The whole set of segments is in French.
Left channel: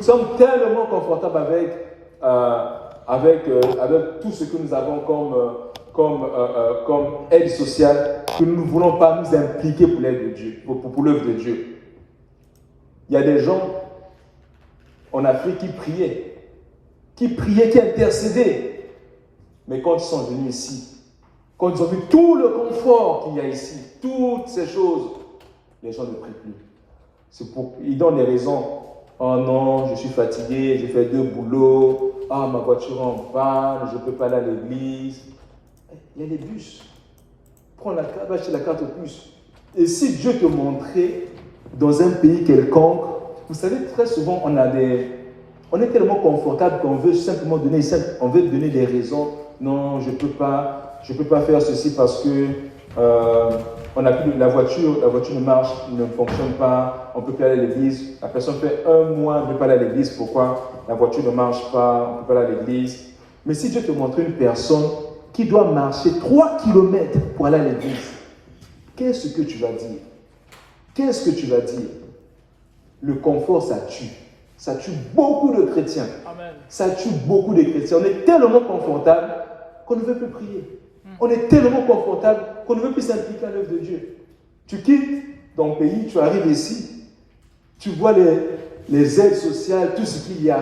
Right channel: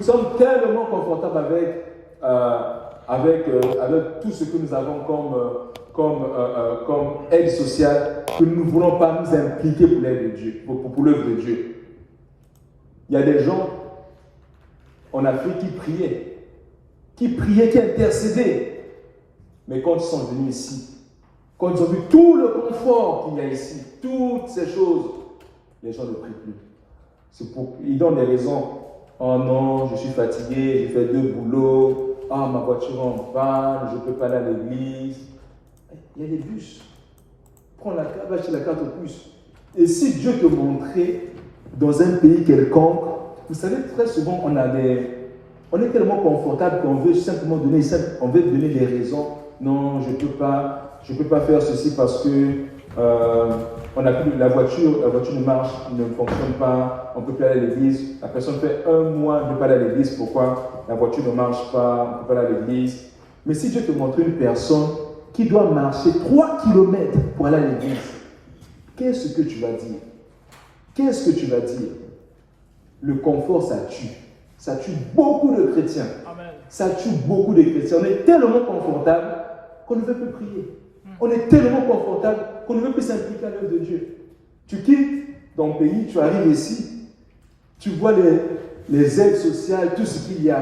Nous sommes tellement confortables avec tout ce que nous avons comme aide sociale que nous ne voulons pas nous impliquer pour l'aide de Dieu, pour l'œuvre de Dieu. Il y a des gens en Afrique qui priaient, qui intercédaient. Mais quand ils sont venus ici, quand ils ont vu tout le confort qu'il y a ici, toutes ces choses, les gens ne prient plus. Ils donnent des raisons. Oh non, je suis fatigué, j'ai fait 2 boulots. Ah, ma voiture est en panne, je ne peux pas aller à l'église. Il y a des bus. Prends la carte, va acheter la carte au bus. Et si Dieu te montrait dans un pays quelconque, vous savez, très souvent, on est tellement confortable qu'on veut simplement donner des raisons. Non, je ne peux pas faire ceci parce que on a plus la voiture ne marche, ne fonctionne pas, on ne peut pas aller à l'église. La personne fait 1 mois de ne pas aller à l'église. Pourquoi? La voiture ne marche pas, on ne peut pas aller à l'église. Mais si Dieu te montre une personne qui doit marcher 3 kilomètres pour aller à l'église, qu'est-ce que tu vas dire? Qu'est-ce que tu vas dire? Le confort, ça tue. Ça tue beaucoup de chrétiens. Amen. Ça tue beaucoup de chrétiens. On est tellement confortable qu'on ne veut plus prier. On est tellement confortable qu'on ne veut plus s'impliquer à l'œuvre de Dieu. Tu quittes ton pays, tu arrives ici, tu vois les aides sociales, tout ce qu'il y a.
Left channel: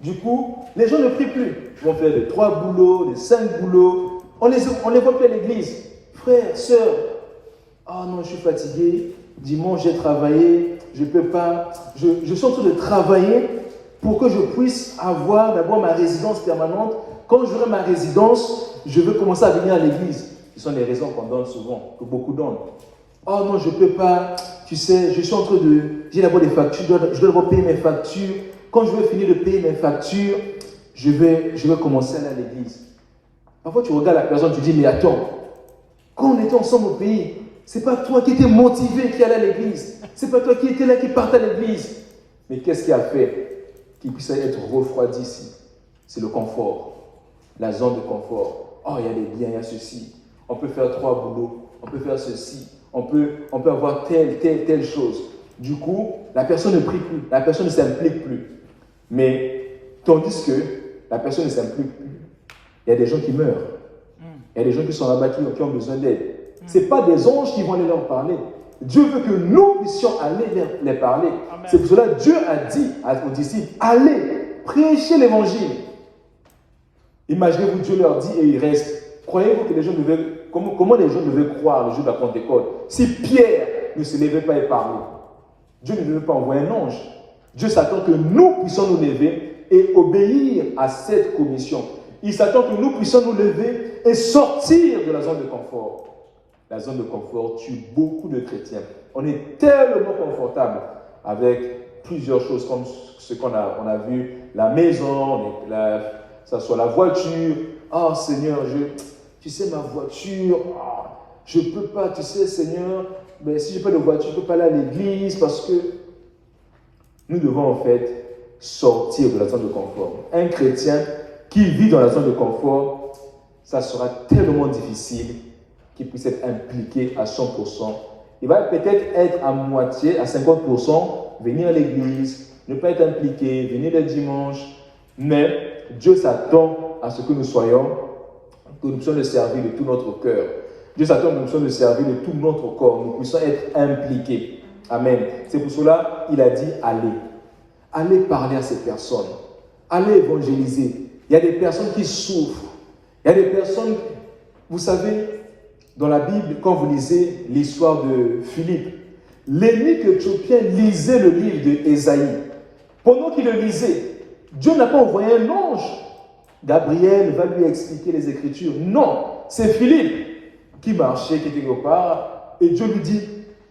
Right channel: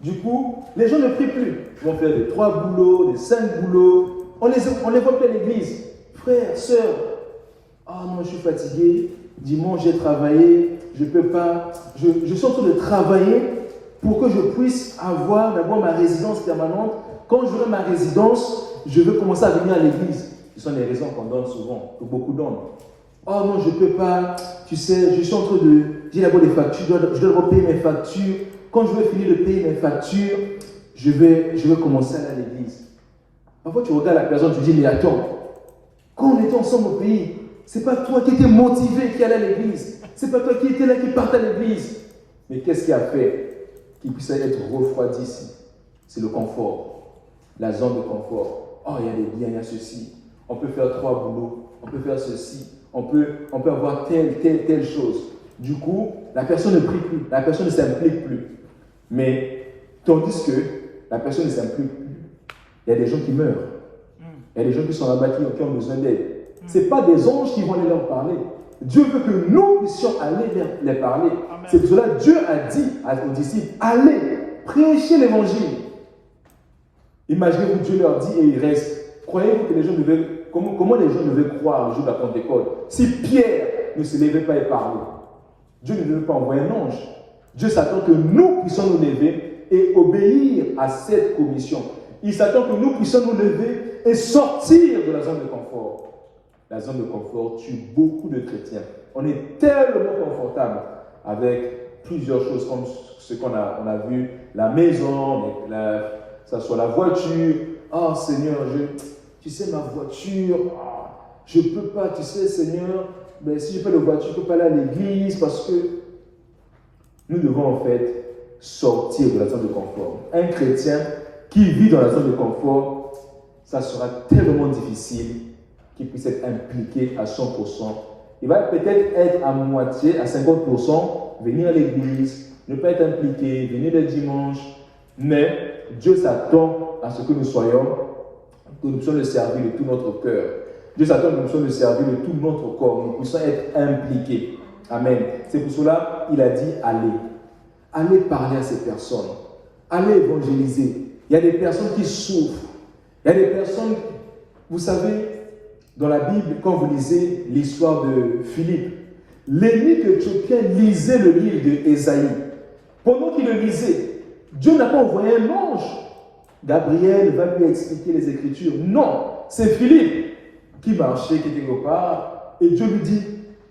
Du coup, les gens ne prient plus. Ils vont faire des 3 boulots, des 5 boulots. On les voit plus à l'église. Frères, sœurs, ah non, je suis fatigué. Dimanche, j'ai travaillé. Je ne peux pas. Je suis en train de travailler pour que je puisse d'abord ma résidence permanente. Quand j'aurai ma résidence, je veux commencer à venir à l'église. Ce sont les raisons qu'on donne souvent, que beaucoup donnent. Oh non, je ne peux pas. Tu sais, je suis en train de. J'ai d'abord des factures, je dois d'abord payer mes factures. Quand je vais finir de payer mes factures, je vais commencer à aller à l'église. Parfois, tu regardes la personne, tu dis, mais attends, quand on était ensemble au pays, c'est pas toi qui étais motivé qui allait à l'église. C'est pas toi qui étais là qui partait à l'église. Mais qu'est-ce qui a fait qu'il puisse être refroidi ici? C'est le confort, la zone de confort. Oh, il y a des biens, il y a ceci. On peut faire 3 boulots, on peut faire ceci, on peut avoir telle chose. Du coup, la personne ne prie plus, la personne ne s'implique plus. Mais tandis que la personne ne s'implique plus, il y a des gens qui meurent. Il y a des gens qui sont là-bas qui ont besoin d'aide. Ce n'est pas des anges qui vont aller leur parler. Dieu veut que nous puissions aller les parler. C'est pour cela que Dieu a dit aux disciples, allez, prêchez l'évangile. Imaginez-vous, Dieu leur dit et il reste. Croyez-vous que les gens devaient, comment les gens devaient croire le jour de la Pentecôte si Pierre ne se levait pas et parlait? Dieu ne devait pas envoyer un ange. Dieu s'attend que nous puissions nous lever et obéir à cette commission. Il s'attend que nous puissions nous lever et sortir de la zone de confort. La zone de confort tue beaucoup de chrétiens. On est tellement confortable avec plusieurs choses comme ce qu'on a vu, la maison, que ce soit la voiture. Oh Seigneur, tu sais ma voiture, je ne peux pas, tu sais Seigneur, mais si je n'ai pas de voiture, je ne peux pas aller à l'église parce que nous devons en fait sortir de la zone de confort. Un chrétien qui vit dans la zone de confort, ça sera tellement difficile qu'il puisse être impliqué à 100%. Il va peut-être être à moitié, à 50%, venir à l'église, ne pas être impliqué, venir le dimanche, mais Dieu s'attend à ce que nous puissions le servir de tout notre cœur. Dieu s'attend à ce que nous puissions le servir de tout notre corps, nous puissions être impliqués. Amen. C'est pour cela qu'il a dit allez. Allez parler à ces personnes. Allez évangéliser. Il y a des personnes qui souffrent. Il y a des personnes, vous savez, dans la Bible, quand vous lisez l'histoire de Philippe, l'émir éthiopien lisait le livre d'Ésaïe. Pendant qu'il le lisait, Dieu n'a pas envoyé un ange. Gabriel va lui expliquer les Écritures. Non, c'est Philippe qui marchait quelque part et Dieu lui dit,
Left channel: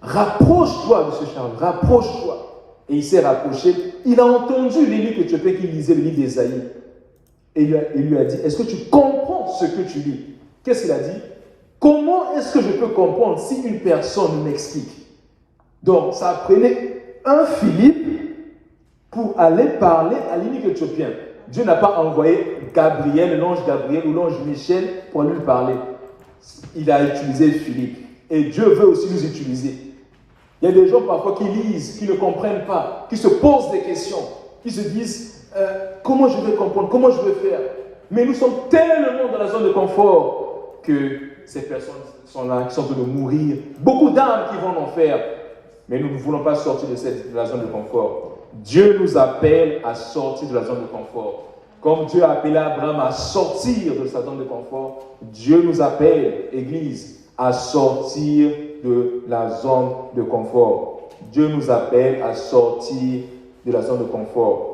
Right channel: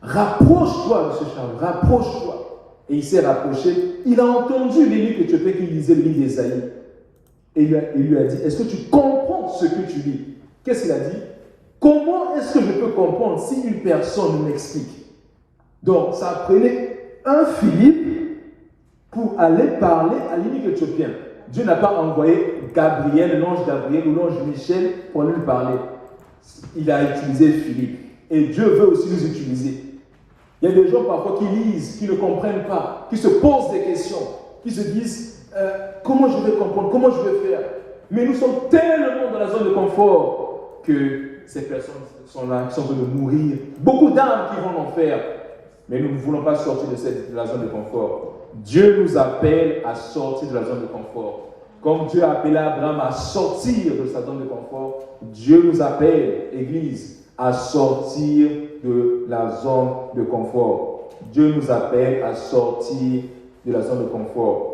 rapproche-toi, M. Charles, rapproche-toi. Et il s'est rapproché. Il a entendu l'émir éthiopien qui lisait le livre d'Ésaïe. Et il lui a dit, est-ce que tu comprends ce que tu lis? Qu'est-ce qu'il a dit? Comment est-ce que je peux comprendre si une personne m'explique? Donc, ça prenait un Philippe pour aller parler à l'émir éthiopien. Dieu n'a pas envoyé Gabriel, l'ange Gabriel ou l'ange Michel pour lui parler. Il a utilisé Philippe. Et Dieu veut aussi nous utiliser. Il y a des gens parfois qui lisent, qui ne comprennent pas, qui se posent des questions, qui se disent comment je vais comprendre, comment je vais faire. Mais nous sommes tellement dans la zone de confort que ces personnes sont là, qui sont en train de mourir. Beaucoup d'âmes qui vont en enfer. Mais nous ne voulons pas sortir de la zone de confort. Dieu nous appelle à sortir de la zone de confort. Comme Dieu a appelé Abraham à sortir de sa zone de confort, Dieu nous appelle, Église, à sortir de la zone de confort. Dieu nous appelle à sortir de la zone de confort.